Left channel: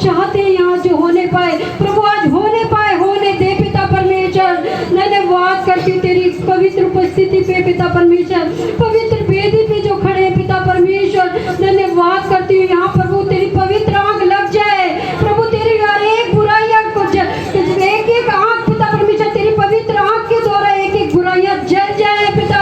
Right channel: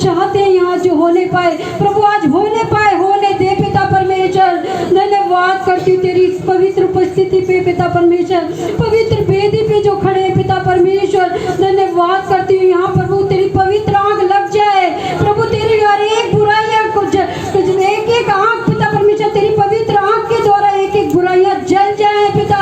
चाहते हैं यहाँ जो होने पाए प्रभु, आज होने पाए, होने दे पिता परमेश्वर। धन्यवाद करती हूँ तेरी पवित्र उपस्थिति पे पिता परमेश्वर, पवित्र वेदी पे जो खड़े हैं पिता परमेश्वर, धन्यवाद करती हूँ यहाँ प्रभु तेरी पवित्र आँख लग जाए प्रभु, तेरी हर एक बुराइयाँ को एक एक आँख पिता परमेश्वर, तेरी पवित्र आँख के द्वारा एक एक बुराइयाँ जल जाए पिता,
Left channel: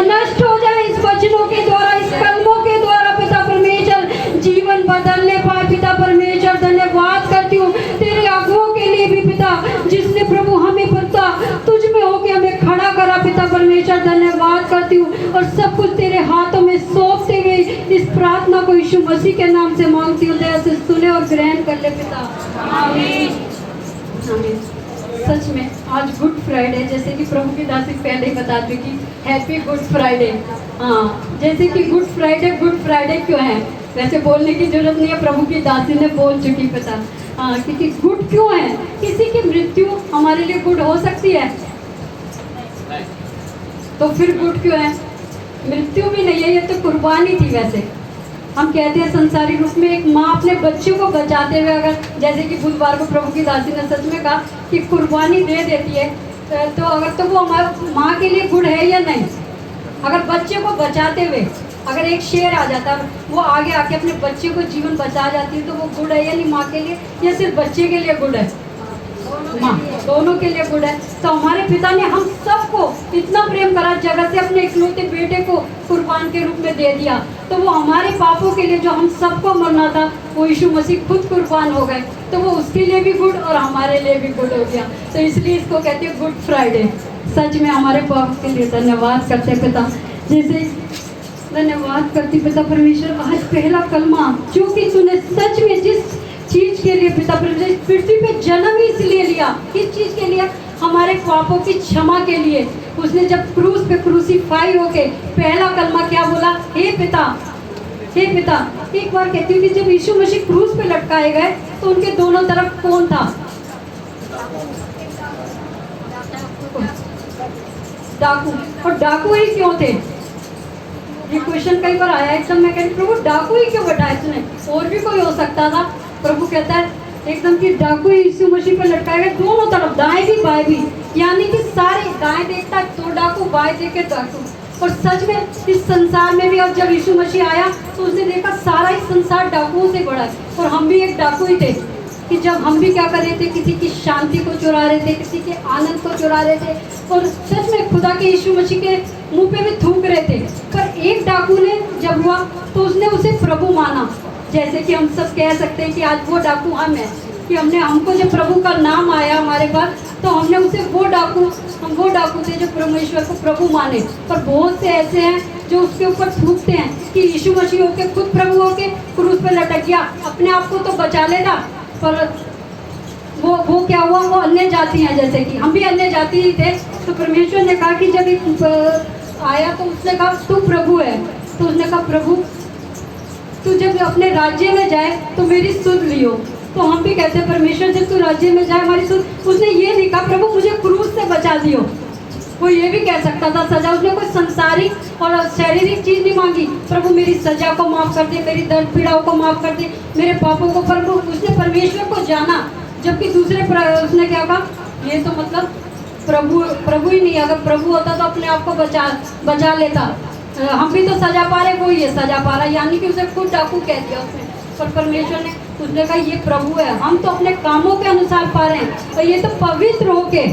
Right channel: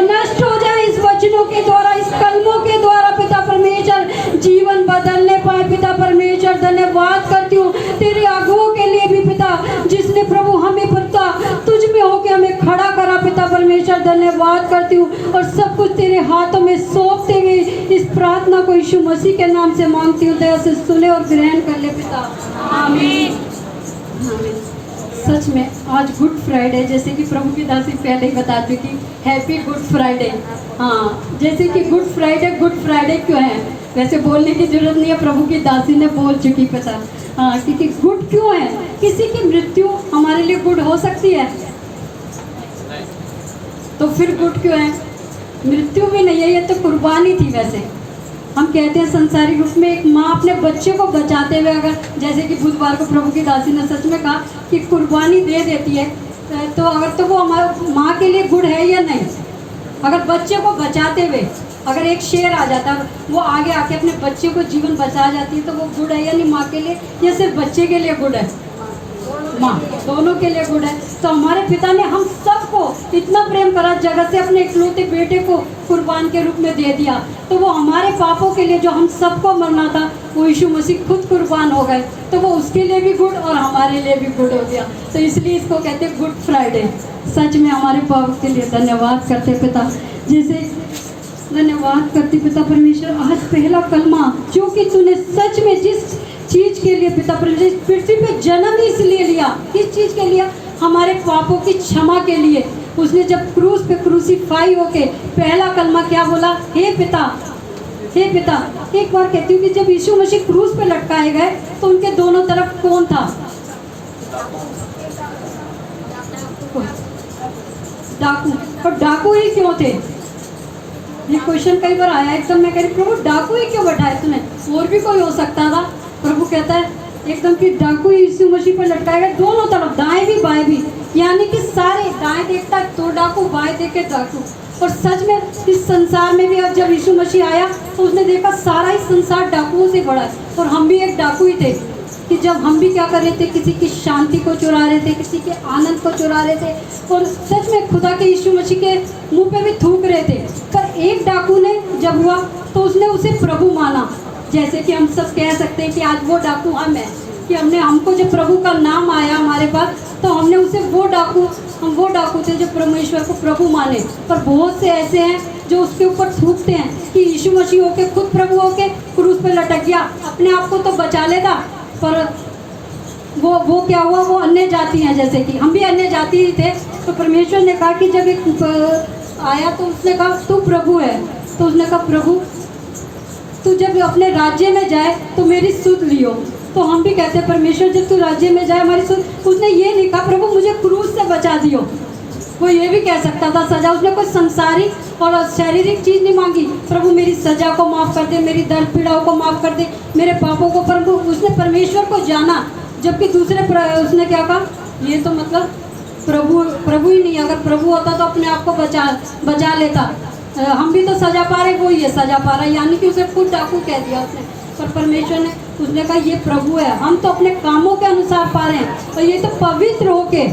नष्ट हो जाए इस वचनों के द्वारा, इस कलमों के द्वारा पिता परमेश्वर, जीवन बदलने पाए पिता परमेश्वर। धन्यवाद करती हूँ तेरे अगुओं के लिए भी पिता, जिसने प्रभु हमें पिता तुझ में होके हमें खड़ा करा पिता परमेश्वर, धन्यवाद करती हूँ और सब कुछ तेरे हाथों में सौंपते हुए इस प्रार्थना को यीशु मसीह के नाम से मांगती हूँ, दया से सुने और ग्रहण कर ले पिता, आमीन आमीन। सच में आज गुड फ्राइडे, जैसे कि प्रभु की दासी पहले ही बता चुकी, हैप्पी गुड फ्राइडे। हाँ, जैसे कि गुड फ्राइडे क्यों है, वैसे बोलने की जरूरत नहीं है, प्रभु की दासी ने बोल चुकी पता। हाँ, क्योंकि गुड क्यों है, किसी की मृत्यु हमारे लिए गुड हो सकती है, तो फिर गुड क्यों है, मृत्यु भी नहीं है, ये तो कुर्बानी थी। वैसे हम कहते हैं संसारिक रूप में एक माँ अपने बच्चे को बचाते हुए, अगर जैसे कि बुधवार को प्रभु की दासी ने सच में कहा कि कुर्बानी दे देती है, तो अगर तो वो हमारे माँ के लिए गुड है या नहीं। अगर बच्चे को बचाते हुए अगर एक शेर आ जाता है, वो आगे आके अपने बच्चे को जीवन बचा जाती है, तो वो गुड है या नहीं माँ के लिए, या सिर्फ बच्चे के लिए गुड है, माँ दोनों के लिए गुड है। तो हमारे पिता ने हम सबको इतना प्रेम करा, जगत से अपने इकलौते बेटे को कुर्बान के रूप में दे दिया, तो वो हमारे पापों के लिए जो हम सबको मरना था, वो यीशु मसीह खुद कुर्बान हो गए, तो वो उसके लिए भी गुड और हमारे लिए भी गुड हो गया। तो इसलिए इसको कहते हैं गुड फ्राइडे। सच में हमारे पापों के लिए धन्यवाद करते पिता, जैसे धन्यवाद करती पिता परमेश्वर, आज पहला कलमा जो कि तूने सच में जिस चीज के लिए पिता परमेश्वर पृथ्वी पे जन्म ही इसलिए लिया, किस चीज के लिए, हमारे पापों की क्षमा के लिए। उसने जब क्रूस पे क्रूसीफाई होके पहला कलमा क्या बोला, हे पिता, हे पिता। एक बार कहती हूँ कि जब यीशु मसीह क्रूस पे लटकाए गए तो उनके दोनों तरफ कौन था, डाकू। और डाकू ही क्यों थे, ये क्वेश्चन कई बार आया, एकदम मैं कह रही प्रभु डाकू ही क्यों बैठाया तूने, और भी कोई हो सकता था। प्रभु कहता है एकदम कि डाकू यीशु मसीह पर लटकाए गए, दोनों तरफ, दाएं भी बाएं भी, यानी कि सारे, दाएं देखता तो डाकू, बाएं देखे डाकू। और सच में इस संसार में भी अब जब यीशु मसीह आया तो उसने देखा सारा ही संसार डाकुओं से बड़ा है, और हम भी एक डाकू ही थे कि जब हम भी क्या कर रहे थे, किसी की शांति को चुरा रहे थे, किसी के आनंद को चुरा रहे थे, और सच में खुदा के यीशु मसीह के मुंह पे भी थूक रहे थे। पर एक डाकू ने जब हुआ तो उसने उसे प्रभु माना, जैसे कि हम सब कह सकते हैं कि आज वो डाकू हम हैं, कि हमको जब प्रभु का नाम आया हमारे पास, तो हमने उसे हम वो डाकू थे जो परमेश्वर को प्रभु माने। पर बहुत से ऐसे हैं जो उसके ऊपर थूकते हैं कि यीशु मसीह होके खुद प्रभु होके क्रूस पे लटक गया, अपने आप को तो बचा लेगा, पर वो क्या हुआ, वो अन्य जाति हैं, जैसे कि हम भी अन्य जाति ही थे। तो परमेश्वर ने कहा कि जब एक आया तो उसने कहा तू प्रभु है, तो उसने कहा प्रभु तू जब अपने राज्य में जाए तो मेरी सुध लियो। तो हम भी कहते हैं परमेश्वर जब तू राज्य में जाए हमारी सुध, उसने ये नहीं कहा प्रभु मुझे क्रूस से बचा दियो, वो ये भी कह सकता था सजा, उसने कोई संसारिक और शारीरिक चीज नहीं मांगी, प्रभु मेरी सजा को माफ कर दे, मेरी दर्द पीड़ाओं को माफ कर दे, मेरे पापों को। प्रभु उसने परमेश्वर को जाना, जबकि दूसरे उसने क्या कहा, ये तो मतलब प्रभु ही नहीं, अगर प्रभु होता तो अपने आप को बचा लेता, हम भी तो सजा पा रहे, वो ये सजा पा रहा, यानी कि उसे खुद डाकू कह दिया उसने। पर परमेश्वर ने उसने कहा ये प्रभु है, हम तो अपने कामों के अनुसार पा रहे हैं, और ये तो पवित्र होके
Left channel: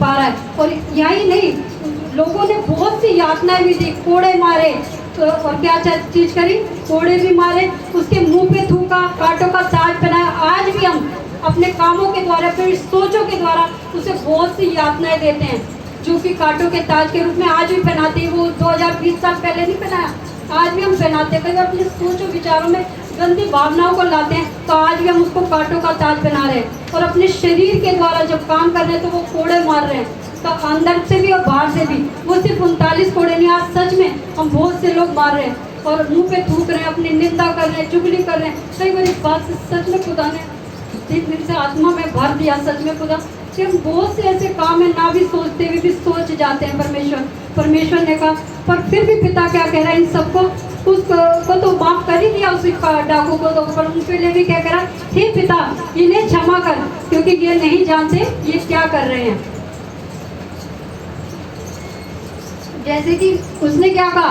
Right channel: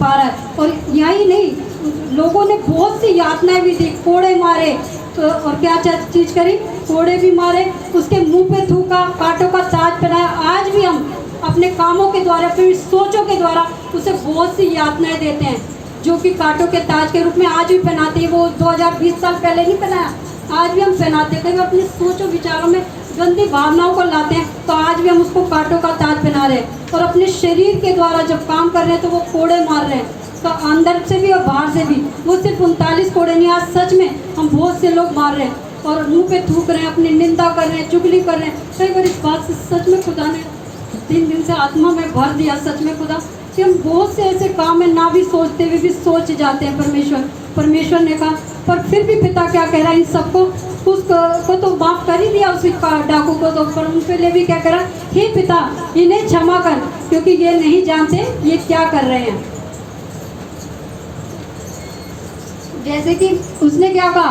पा रहा है। और यही नहीं, लोगों ने बहुत सी यातनाएं भी दी, कोड़े मारे, तो और क्या चीज करी, कोड़े भी मारे, उसके मुंह पे थूका, कांटों का ताज पहनाया। आज भी हम अपने कामों के द्वारा, फिर सोचों के द्वारा उसे बहुत सी यातनाएं देते हैं, जो कि कांटों के ताज के रूप में आज भी पहनाते हैं। वो 2020 साल पहले नहीं पहनाया, आज भी हम पहनाते हैं। कई बार अपने सोचों विचारों में गंदी भावनाओं को लाते हैं, तो आज भी हम उसको कांटों का ताज पहना रहे हैं। और अपने शरीर के द्वारा जब काम कर रहे हैं तो वो कोड़े मार रहे हैं, तो अंदर से भी और बाहर से भी। वो सिर्फ 39 कोड़े नहीं, आज सच में हम बहुत से लोग मार रहे हैं और मुंह पे थूक रहे हैं, अपनी निंदा कर रहे हैं, चुगली कर रहे हैं। कई बार इस बात से सच में खुदा ने 3 दिन से आत्मा में भर दिया, सच में खुदा कि हम बहुत से ऐसे काम है ना भी सोचते हुए भी सोच जाते हैं। परमेश्वर ने कहा, पर फिर भी पिता क्या कह रहा है, इन सबको उसको तो माफ कर ही दिया, उस डाकू को तो, पर उनके लिए भी क्या कह रहा है, हे इन्हें क्षमा कर, क्योंकि ये नहीं जानते ये क्या कर रहे हैं। जैसे कि उसने क्या कहा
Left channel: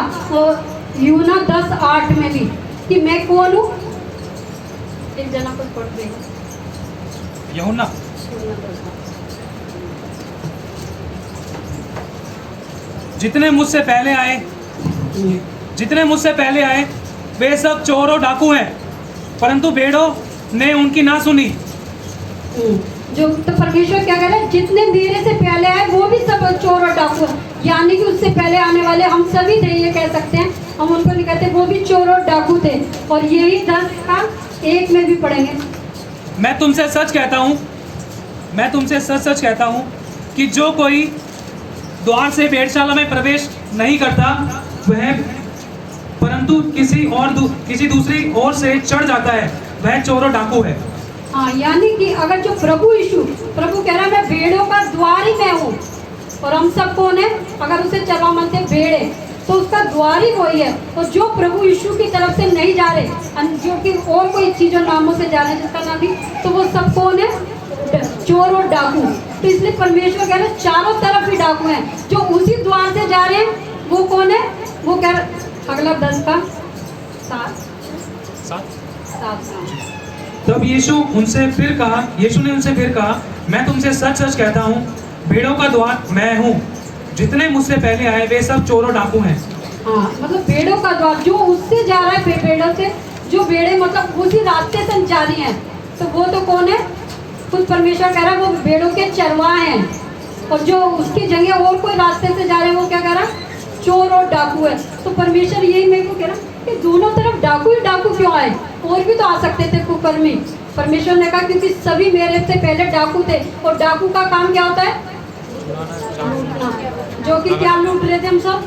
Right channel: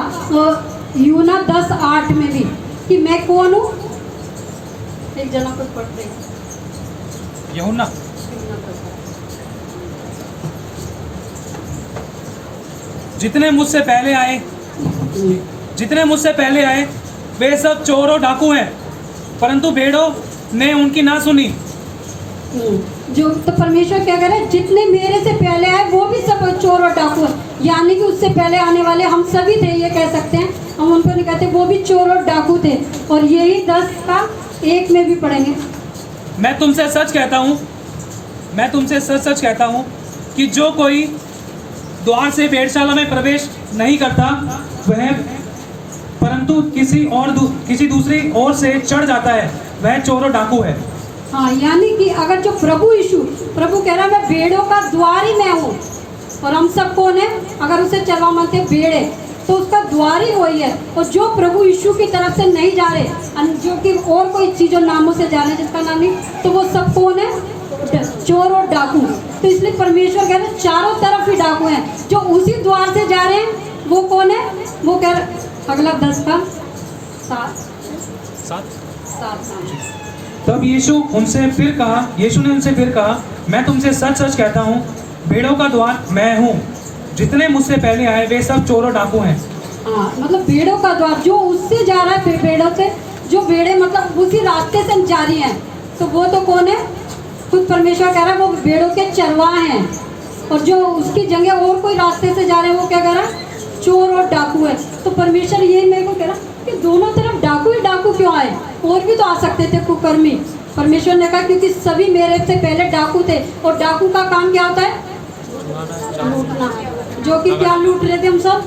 यूना 10:8 में भी कि मैं कौन हूँ। एक जना कुछ पढ़ दे यूहन्ना जितने मुझसे पहले आए वे सब चोर और डाकू हैं, परंतु भेड़ों ने उनकी ना सुनी। जो तो परमेश्वर क्या कह रहा है, जितने मेरे से पहले आए वो भी सब चोर और डाकू हैं, यानी कि उससे पहले आने वाले हम सभी थे, ये कह सकते हैं। हम उनको नहीं कहते, वो भी चोर और डाकू थे। और यही 10:1 में भी पढ़ेंगे। मैं तुमसे सच सच कहता हूँ कि जो कोई द्वार से भेड़शाला में प्रवेश नहीं करता वह, परंतु किसी दूसरी ओर से चढ़ जाता है, वह चोर और डाकू है। हाँ, यानी कि अगर जो प्रभु कह रहा है मैं भेड़ों का द्वार ही मैं हूँ। और हम सब कौन है? अगर उसे चलवा मनते भेड़ है तो उसका द्वार ही वही है। और जो प्रभु यीशु की तरफ से नहीं जा रहे, जो कि और कोई चीजों नामों से जा रहे हैं जिसका नाम नहीं, तो वो सब कौन है? चोर और डाकू। तो इसलिए परमेश्वर कह रहे हैं चारों तरफ ही डाकू हैं। जो उसी द्वार से जा रहे हैं वो कौन है? वो कह रहे अगला 10:7। तब यीशु ने उनसे फिर कहा, मैं तुमसे सच सच कहता हूँ, भेड़ों का द्वार मैं हूँ। जितने मुझसे पहले आए वे सब चोर और डाकू हैं। हाँ, मतलब भेड़ों का द्वार जो उससे जा रहा है, भेड़ों से जो भेड़े मतलब उसी रास्ते से जा रही हैं, तो वो तो कौन है? खुद परमेश्वर कह रहा है वो भेड़ों के चरवाहे हैं। और जो उसकी जगह और कोई रास्ते से जा रहे हैं वो क्या कह रहा है? चोर और डाकू है। तो परमेश्वर यही मेरे को कह रहा कि दोनों तरफ डाकू ही डाकू क्यों आए? और भी तो आ सकते थे कुकर्मी। परमेश्वर ने कहा क्योंकि सभी मेरे से पहले डाकू थे, और डाकू का काम क्या होता है? लूटना। जो कि क्या लूट रहे थे हम सब?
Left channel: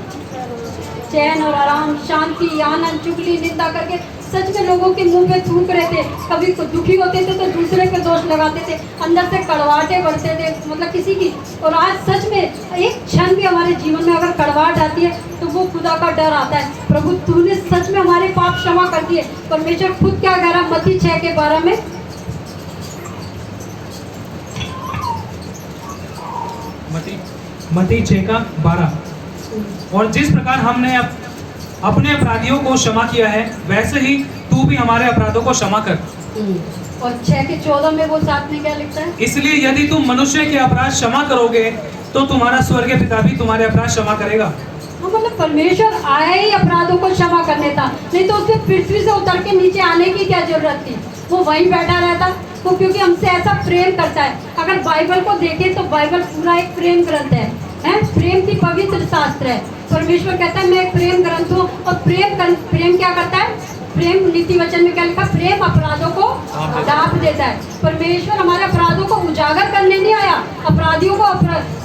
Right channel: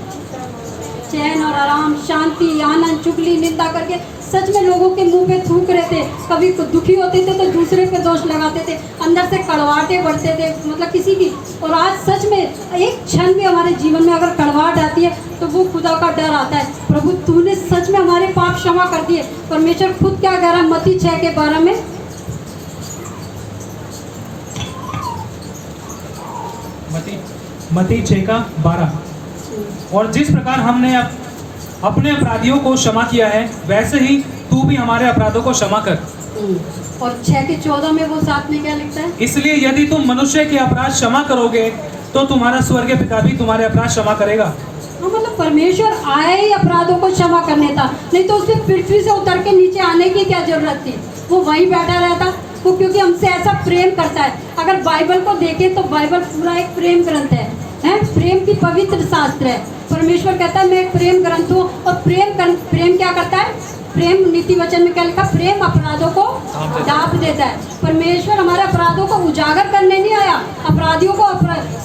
चैन और आराम, शांति, आनंद, चुगली, निंदा करके सच में लोगों के मुंह पे थूक रहे थे। कभी दुखी होते थे तो दूसरे पे दोष लगाते थे, अंदर से कड़वाहटें बढ़ते थे, मतलब किसी की। और आज सच में एक क्षण भी हमारे जीवन में अगर कड़वाहट आती है तो वो खुदा का डर आता है। प्रभु तूने सच में हमारे पाप क्षमा कर दिए। परमेश्वर खुद क्या कह रहा है मत्ती 6:12 में? मत्ती 6:12। और जिस प्रकार हमने अपने अपराधियों को क्षमा किया है, वैसे ही तू भी हमारे अपराधों को क्षमा कर। और 6:14 में वो साथ में क्या लिखता है? इसलिए यदि तुम मनुष्य के अपराध क्षमा करोगे तो तुम्हारा स्वर्गीय पिता भी तुम्हारे अपराध क्षमा करेगा। हाँ, मतलब परमेश्वर आए ही अपराधों को क्षमा करने था, नहीं तो उसने पृथ्वी से उतर के नीचे आने की क्या जरूरत थी? वो वहीं बैठा रहता। वो क्योंकि हमसे ऐसा प्रेम करता है। अगर बाइबल को देखें तो बाइबल पूरा एक प्रेम ग्रंथ है, प्रेम की पवित्र शास्त्र है। परमेश्वर कहता है मैं प्रेम ग्रंथ हूँ। और प्रेम क्या करता है? प्रेम नीति वचन में क्या लिखा? प्रेम अपराधों को ढांप देता है। परमेश्वर हमारे अपराधों को उजागर करने नहीं आया, अपराधियों को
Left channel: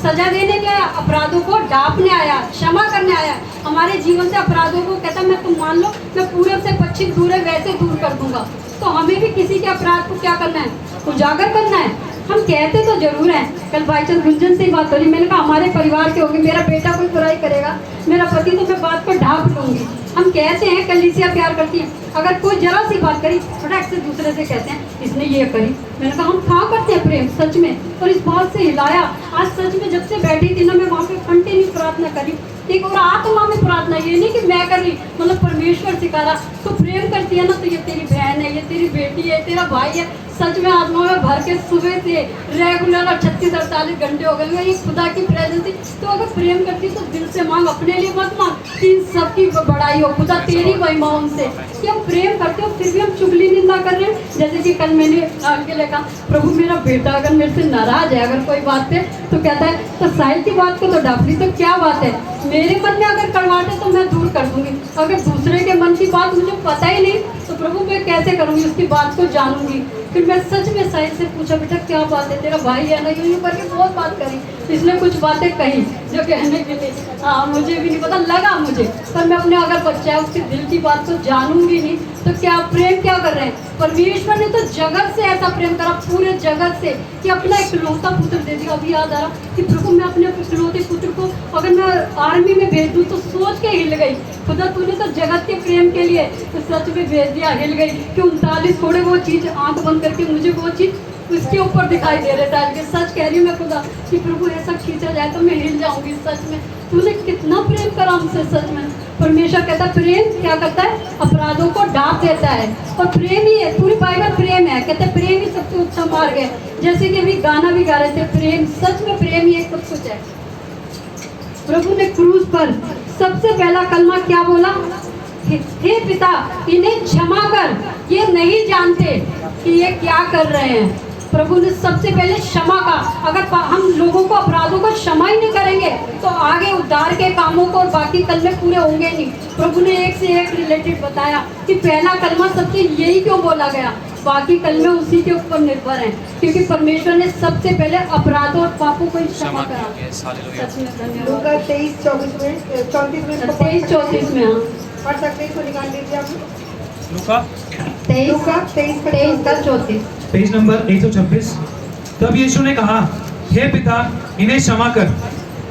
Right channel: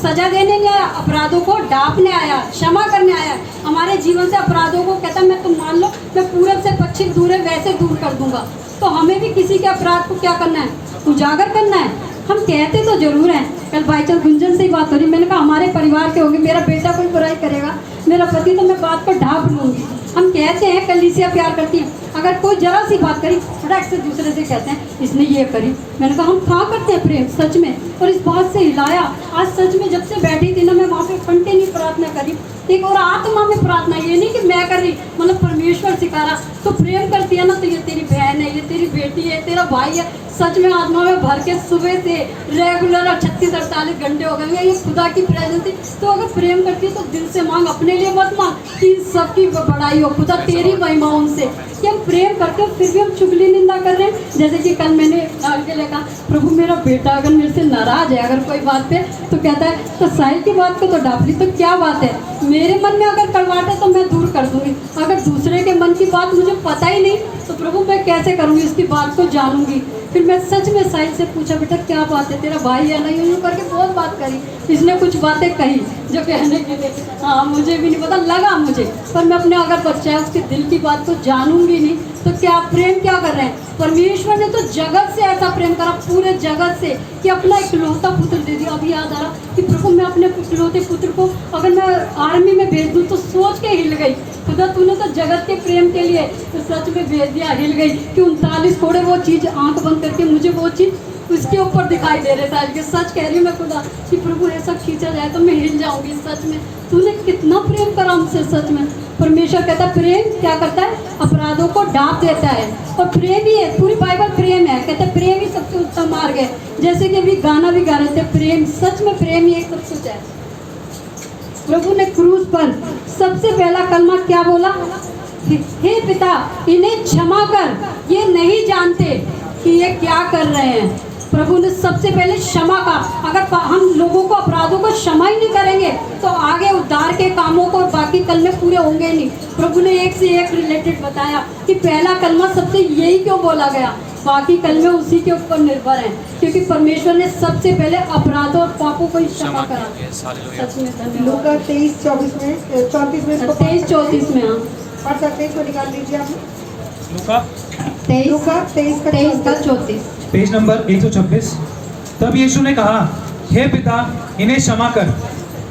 सजा देने नहीं आया, अपराधों को ढांपने आया, क्षमा करने आया। हमारे जीवन से अपराधों को कहता है मैं तुम मान लो मैं पूरब से पश्चिम दूर है वैसे दूर कर दूंगा। तो हमें भी किसी के अपराध को क्या करना है? उजागर करना है। हम कहते तो जरूर हैं। कल भाईचंद गुंजन से ही बात हो रही, मैंने कहा हमारे परिवार के होंगे, मेरा बेटा कोई बुराई करेगा, मेरा पति, तो मैं बात को ढांप लूंगी। हम कहते हैं कलीसिया प्यार करती है, अगर कोई जरा सी बात करी फटाक से दूसरे से कहते हैं इसने ये करी। मैंने कहा हम कहाँ करते हैं प्रेम सच में? और इस बात से हिलाया। आज सच में जब से बैठी थी ना, मैं वहाँ पे कंटिन्यू प्रार्थना करी, एक और आत्मा में प्रार्थना, ये नहीं कि मैं कर रही, मतलब परमेश्वर सिखा रहा। तो प्रेम करती है ना, तो ये तेरी बहन है, ये तेरी बेटी है, तेरा भाई है। सच में आत्मा में भर के सुबह से रेगुलर 36-48 घंटे हो गए, ये खुदा की प्रेजेंस थी। तो अगर प्रेम करती है तो दिल से मांग, अपने लिए मत मांग कि इन सबकी बड़ाई हो, खुदा तेरी महिमा उनसे। कि हम प्रेम करते हो फिर भी हम चुगली निंदा कर रहे हैं। जैसे कि कल मैंने आगे लिखा, प्रभु मेरा बेटा अगर मेरे से नाराज है अगर कोई बात पे, तो कहता है तो साहिल की बात को तो डांट ली, तो क्या बात है? मेरे मन में अगर कड़वाहट है तो मैं दूर कर दूंगी। अगर दूसरे के मन की बात मुझे पता ही नहीं तो प्रभु मैं कैसे करूंगी? उसकी बात को जानूंगी। फिर मैं सच में साहिल से पूछा, बेटा क्या बात है, तेरा भाई है ना? यूं करके बहुत बात करी। इसने कुछ बातें कही जो कहने के लिए हाँ मुझे भी नहीं पता लगा मुझे, पर मैं अपने अगर बच्चा है उसके दिल की बात को जानूंगी नहीं तो क्या प्रेम क्या कर रहे हैं? परमेश्वर ने तो जगत से ऐसा प्रेम करा पूरे जगत से कि अपना इकलौता पुत्र दे दिया। अभी याद आ रहा कि प्रभु मैं अपने इकलौते पुत्र को अगर मैं आर्मी में भेज दूँ तो सोच के हिल गई। खुदा तूने तो जगत के प्रेम के लिए तो सच में भेज दिया, हिल गई कि 39 थोड़े वो चीज़ आंख बंद करके मुझे वो चीज़ उसके ऊपर दिखाई दे रहे थे। कि सच कह रही हूँ मैं खुदा कि प्रभु ऐसा खींचा जाए तो मैं हिल जाऊंगी। सच में तूने कितना प्रेम करा हमसे। सच में परमेश्वर कहता है प्रेम क्या करता है, अपराधों को ढांप देता है। और प्रेम ही है, पूरी बाइबल प्रेम है। कहते हैं प्रेम ही सबसे उत्तम मार्ग है। जैसे कि अभी गाना भी गा रहे थे, प्रेम, सच में प्रेम ही एक सब कुछ है। प्रभु ने क्रूस पर सबसे पहला कलमा क्या बोला, हे पिता इन्हें क्षमा कर, ये नहीं जानते कि ये क्या कर रहे हैं। प्रभु ने सबसे पहले क्षमा का, अगर हम लोगों को अपराधों को क्षमा ही नहीं करेंगे तो आगे उद्धार के कामों को बाकी कलमे पूरे होंगे नहीं। प्रभु ने एक से एक रिलेटेड बताया कि पहला कलमा सबसे यही क्यों बोला गया, बाकी कलमे उसी के ऊपर निर्भर हैं क्योंकि परमेश्वर ने सबसे पहले अपराधों और पापों को क्षमा करा। सच में धन्यवाद। लूका 23-34 में 23-34 में हाँ पढ़ सकते हैं, इसको निकाल लीजिए आप। लूका 23-34 पेज नंबर 126। तब यीशु ने कहा, हे पिता इन्हें क्षमा कर,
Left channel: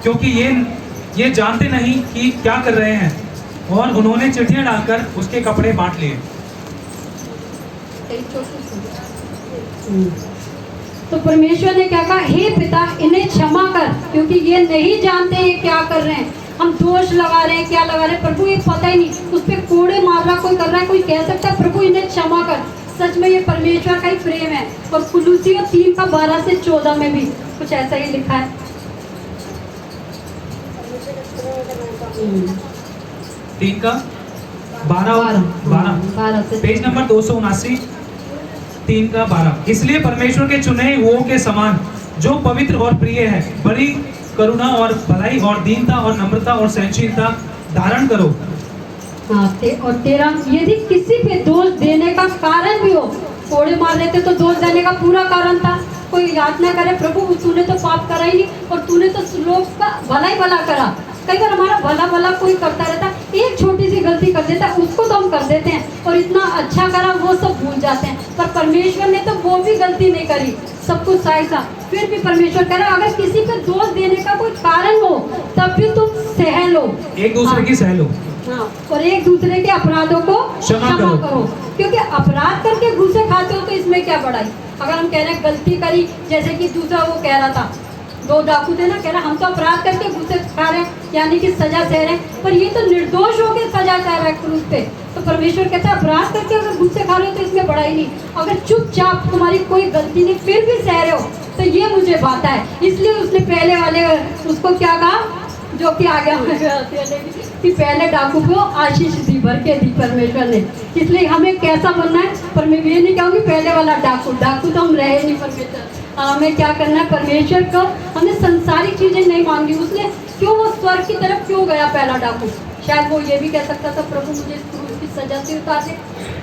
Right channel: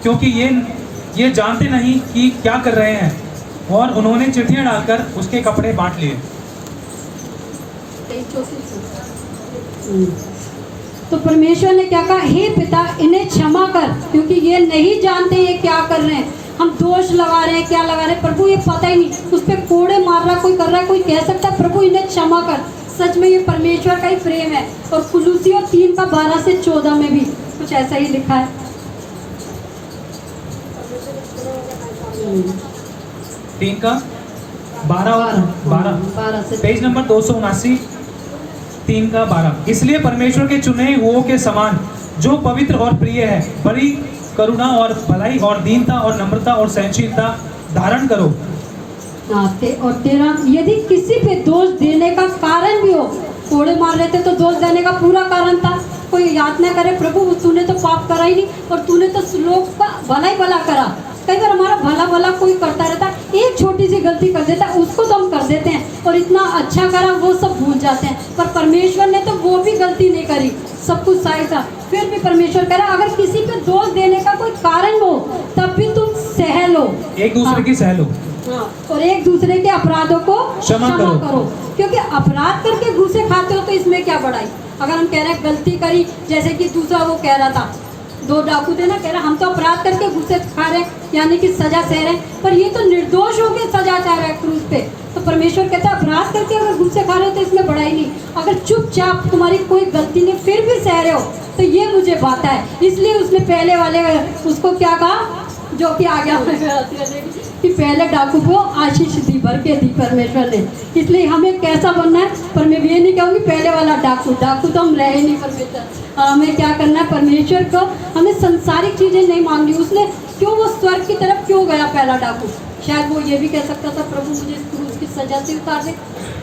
क्योंकि ये जानते नहीं कि क्या कर रहे हैं। और उन्होंने चिट्ठियां डालकर उसके कपड़े बांट लिए। तो परमेश्वर ने क्या कहा, हे पिता इन्हें क्षमा कर, क्योंकि ये नहीं जानते ये क्या कर रहे हैं। हम दोष लगा रहे हैं, क्या लगा रहे हैं, प्रभु ये पता ही नहीं, उस पर कोड़े मार रहा कोई कर रहा है, कोई कह सकता है प्रभु इन्हें क्षमा कर। सच में ये परमेश्वर का ही प्रेम है। और कुलुसियों 3:12-14 में भी कुछ ऐसा ही लिखा है। 3:12 पेज नंबर 279 3:12। इसलिए परमेश्वर के चुने हुओं के समान जो पवित्र और प्रिय है, बड़ी करुणा और भलाई और दीनता और नम्रता और सहनशीलता धारण करो। हाँ, और 13, यदि किसी पे दोष देने का कारण भी हो, कोड़े मार रहे थे तो दोष देने का पूरा कारण था, कोई यातना करे प्रभु तूने तो पाप करा ही नहीं और तूने तो लोग का भला ही भला करा। कई बार हमारा भला भला कोई करता रहता, एक छोटी सी गलती कर देता उसको तो हम कर देते हैं और इतना अच्छा करा वो सब भूल जाते हैं। पर परमेश्वर ने तो वो भी गलती नहीं करी, सब कुछ सही था, फिर भी परमेश्वर कह रहा अगर किसी पे दोष देने का कोई कारण हो तब भी तुम सह लो, एक दूसरे की सह लो। हाँ, और एक दूसरे के अपराधों को क्षमा करो। क्योंकि अपराध करके घूसे खाते हो तो इसमें क्या बड़ाई। अगर हम कह रहे हैं गलती करी, जैसे कि दूसरा वो कह रहा था, 2 डाकू थे ना, कह रहा हम तो अपराध करके घुसे खा रहे यानी कि सजा सह रहे, पर ये तो निर्दोष होकर सजा चाह रहा है क्रूस पे। तो परमेश्वर कहता है अपराध करके अगर घुसे खा रहे हो तो इसमें बड़ाई नहीं। अगर चुपचाप तुम्हारी कोई गलती नहीं फिर भी सह रहे हो तो ये मुझे बात है। इसलिए उसने पहले वाले उसको क्या कहा, जो कि आगे कि पहले डाकू को आशीष दी, भर के दी परमेश्वर ने। इसलिए हमें कैसा बनना है, पर मैं ये नहीं कहूँगी पहले वाला डाकू तो हम रहे नहीं। परमेश्वर हमें क्या करना है, परमेश्वर को हमें संसारिक चीजें नहीं मांगनी। उसने क्यों वो स्वर्ग की तरफ क्यों गया पहला डाकू, शायद वो ये भी कह सकता था प्रभु मुझे क्रूस की सजा से उतार दे।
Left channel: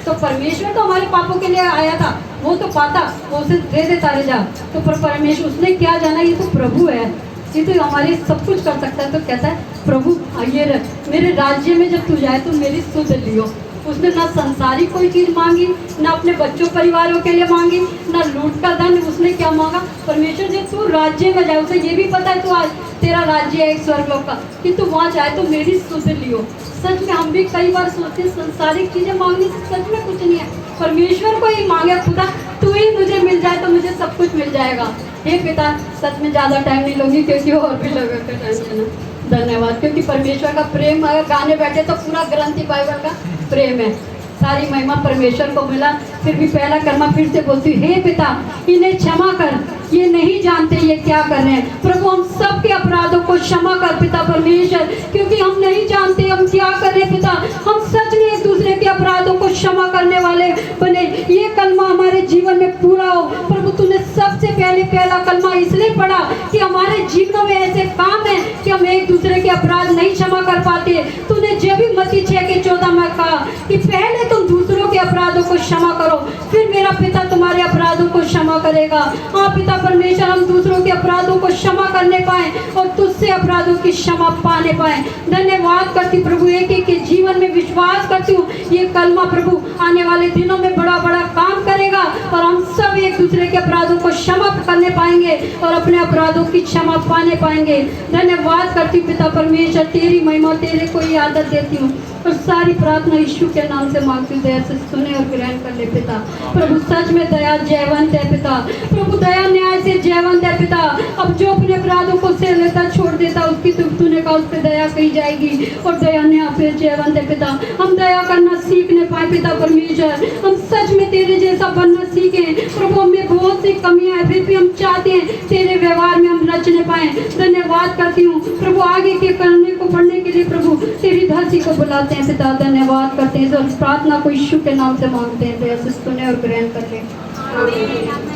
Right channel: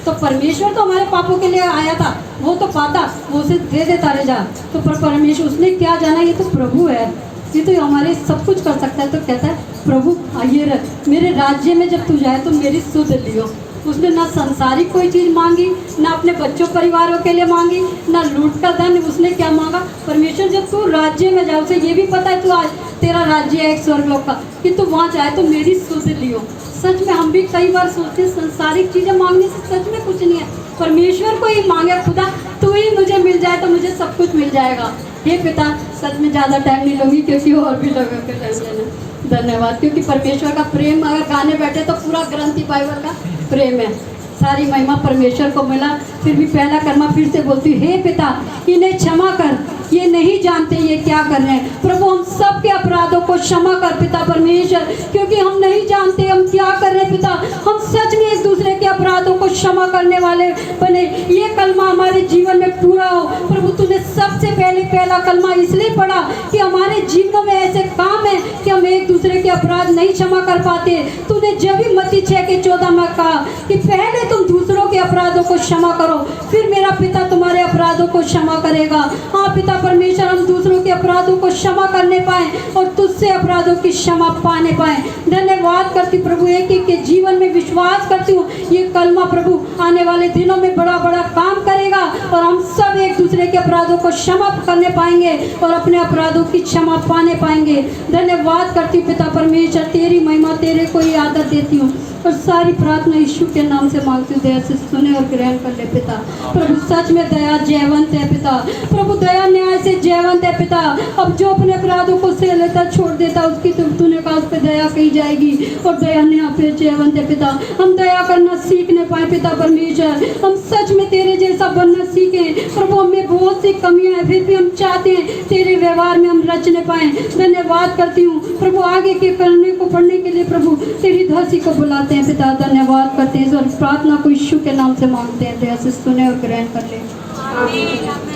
तो परमेश्वर तो हमारे पापों के लिए आया था, वो तो पाता वो उसे दे देता रह जा। तो परमेश्वर उसने क्या जाना, ये तो प्रभु है, ये तो हमारे सब कुछ कर सकता है। तो कहता है प्रभु आइए मेरे राज्य में जब तू जाए तो मेरी सुध लियो। उसने ना संसारिक कोई चीज़ मांगी, ना अपने बच्चों परिवारों के लिए मांगी, ना लूट का धन। उसने क्या मांगा, परमेश्वर जब तू राज्य में जाए, उसे ये भी पता है तू आज तेरा राज्य है एक स्वर्गलोक का, कि तू वहाँ जाए तो मेरी सुध लियो। सच में हम भी कई बार सोचते हैं संसारिक चीज़ें मांगने से सच में कुछ नहीं है। परमेश्वर को ही मांगे, खुदा तू ही मुझे मिल जाए तो मुझे सब कुछ मिल जाएगा। हे पिता, सच में ज़्यादा टाइम नहीं लूँगी क्योंकि और भी लोगों का टाइम लेना। धन्यवाद, क्योंकि परमेश्वर का प्रेम अगर गाने बैठे तो पूरा ग्रंथ ही बाइबल का प्रेम है। सारी महिमा परमेश्वर को मिला। फिर भी पहला कर्मा फिर से बोलती, हे पिता इन्हें क्षमा कर, ये नहीं जानते ये क्या कर रहे हैं। प्रभु हम सब के अपराधों को क्षमा कर पिता परमेश्वर, क्योंकि हम नहीं जानते हम क्या कर रहे हैं पिता। हम सच में एक दूसरे के अपराधों को क्षमा करने वाले बने, ये कलमा हमारे जीवन में पूरा हो। प्रभु तूने सबसे पहले पहला कलमा इसलिए पढ़ा कि हमारे जीवन में ऐसे काम है कि हम एक दूसरे के अपराध नहीं क्षमा कर पाते। तूने जब भी मत्ती 6:14 में कहा कि पहले तुम दूसरों के अपराधों को क्षमा करो, फिर मेरा पिता तुम्हारे अपराधों को क्षमा करेगा। हाँ पिता परमेश्वर, हम दूसरों के अपराधों को क्षमा करने पाए और तुझसे अपराधों की क्षमा पाने पाए। धन्यवाद करती प्रभु, एक एक के जीवन में विश्वास करती हूँ ये कलमा प्रभु आने वाले दिनों में बड़ा बड़ा काम करेगा और हम सब एक दूसरे के अपराधों को क्षमा करने पाएंगे और अपने अपराधों की क्षमा पाने पाएंगे। धन्यवाद करती हूँ पिता परमेश्वर, तेरी महिमा तेरे को ही आदत देती हूँ और सारी प्रार्थना यीशु के नाम से मांगती हूँ। दया से सुने और ग्रहण कर ले पिता। प्रभु सच में दया जयवंत है पिता। प्रभु दया न्याय से जयवंत है पिता। अब जो अपने अपराधों को सह लेता छोड़ देता उसकी तूने कहा उस पर दया की जाएगी और दया न्याय पे जयवंत है पिता। हम दया करना सीखने पाए पिता परमेश्वर, हम सच में तेरे जैसा बनना सीखे। प्रभु हमें बहुत सी कमियां हैं फिर भी हम चाहते हैं तेरे व्यवहार में हम रचने पाए। धन्यवाद करती हूँ प्रभु, आगे के करने को बढ़ने के लिए प्रभु तेरी दासी को बुलाते हैं पिता। धन्यवाद करते हैं और प्रार्थना को यीशु के नाम से मांगते हैं। दया से सुने और ग्रहण करते हैं।